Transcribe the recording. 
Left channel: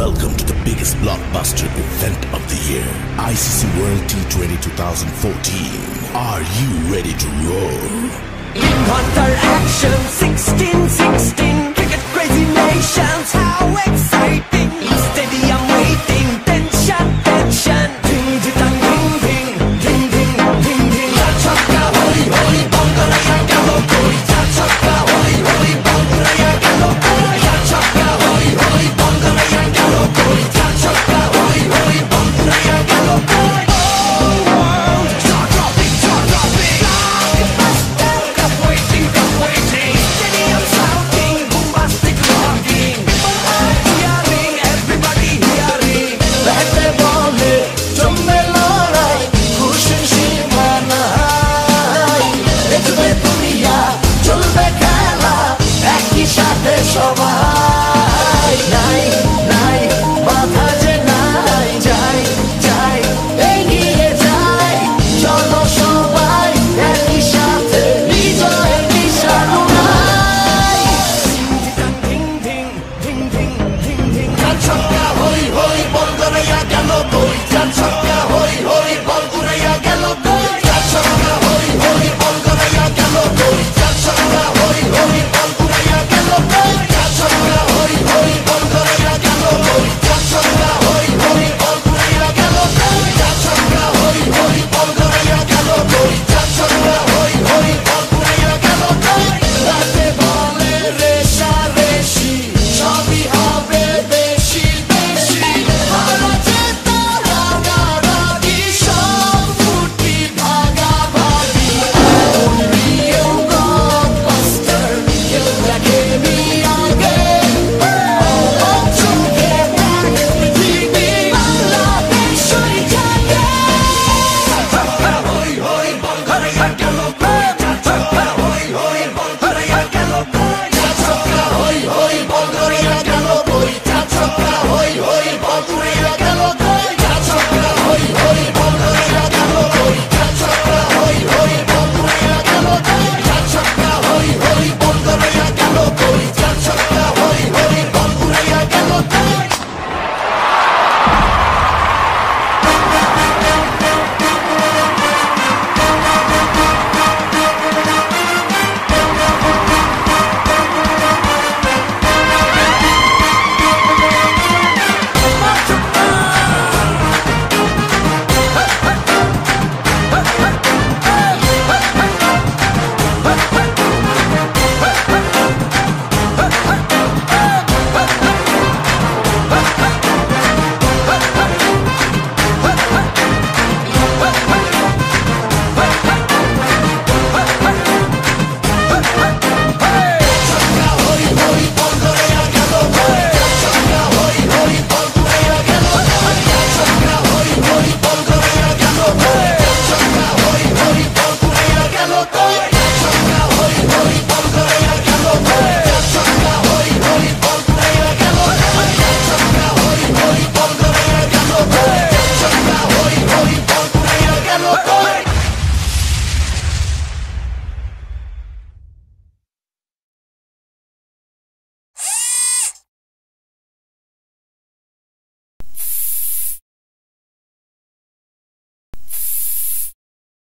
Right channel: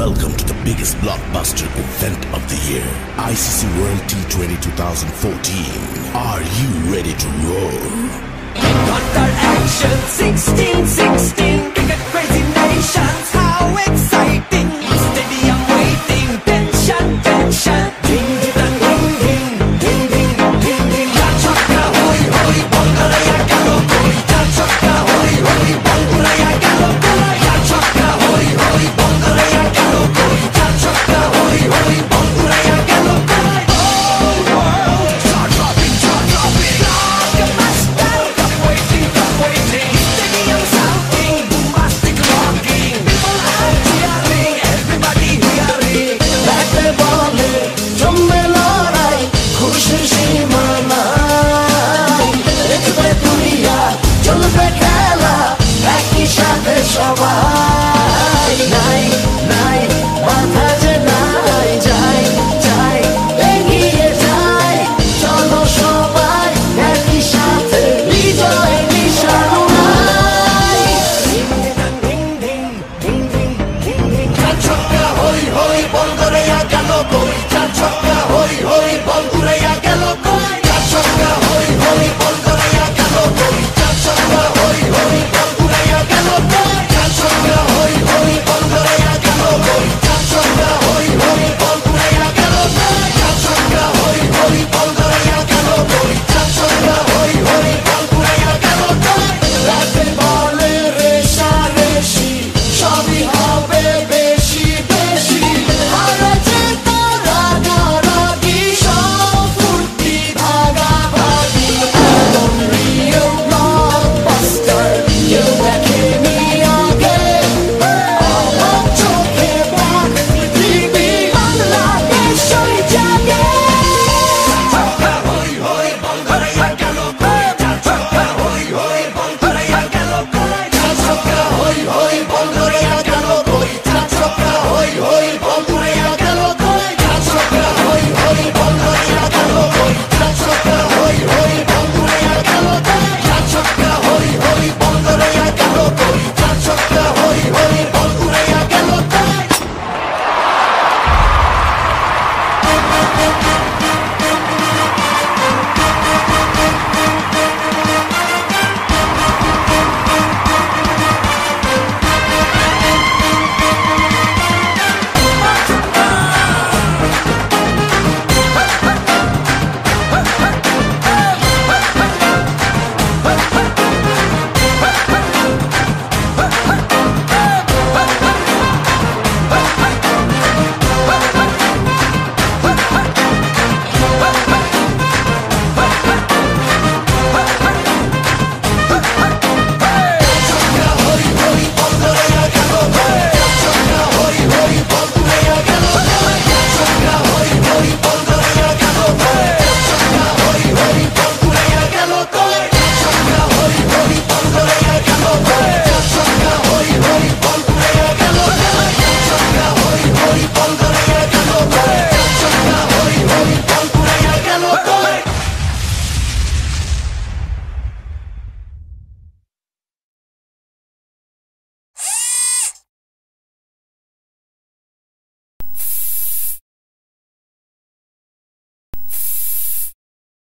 Welcome to the biggest blockbuster event of the year, ICC World T20 2014. Are you ready to roll? Counter action 16-16, cricket crazy nations, how exciting! Stadium waiting, tension, tension. Ding ding ding ding ding ding ding ding. Ya chakka hoi hoi, Bangalaya galo koi. Ya chakka hoi hoi, Bangalaya galo koi. Ya chakka hoi hoi, Bangalaya galo koi. Ya chakka hoi hoi, Bangalaya galo koi. Oh world, jaw-dropping, jaw-dropping. Cup waiting, cup waiting. Stadium shouting, bombastic rocking. People are cheering, everybody hearing. Like the ball hit, জমবে লড়াই, খুশির সীমা নাই। দেখবে দুনিয়া, চলবে খেলা, একই সাথে সবাই। নাই নাই মাথা যে নাই, যাই যাই এগিয়ে যাই। চলো সবাই একই সাথে, বিজয়ের নিশান উড়াই। ধিং ধিং ধিং ধিং ধিং ধিং। চার ছক্কা হই হই, বল ধরে গেল কই। চার ছক্কা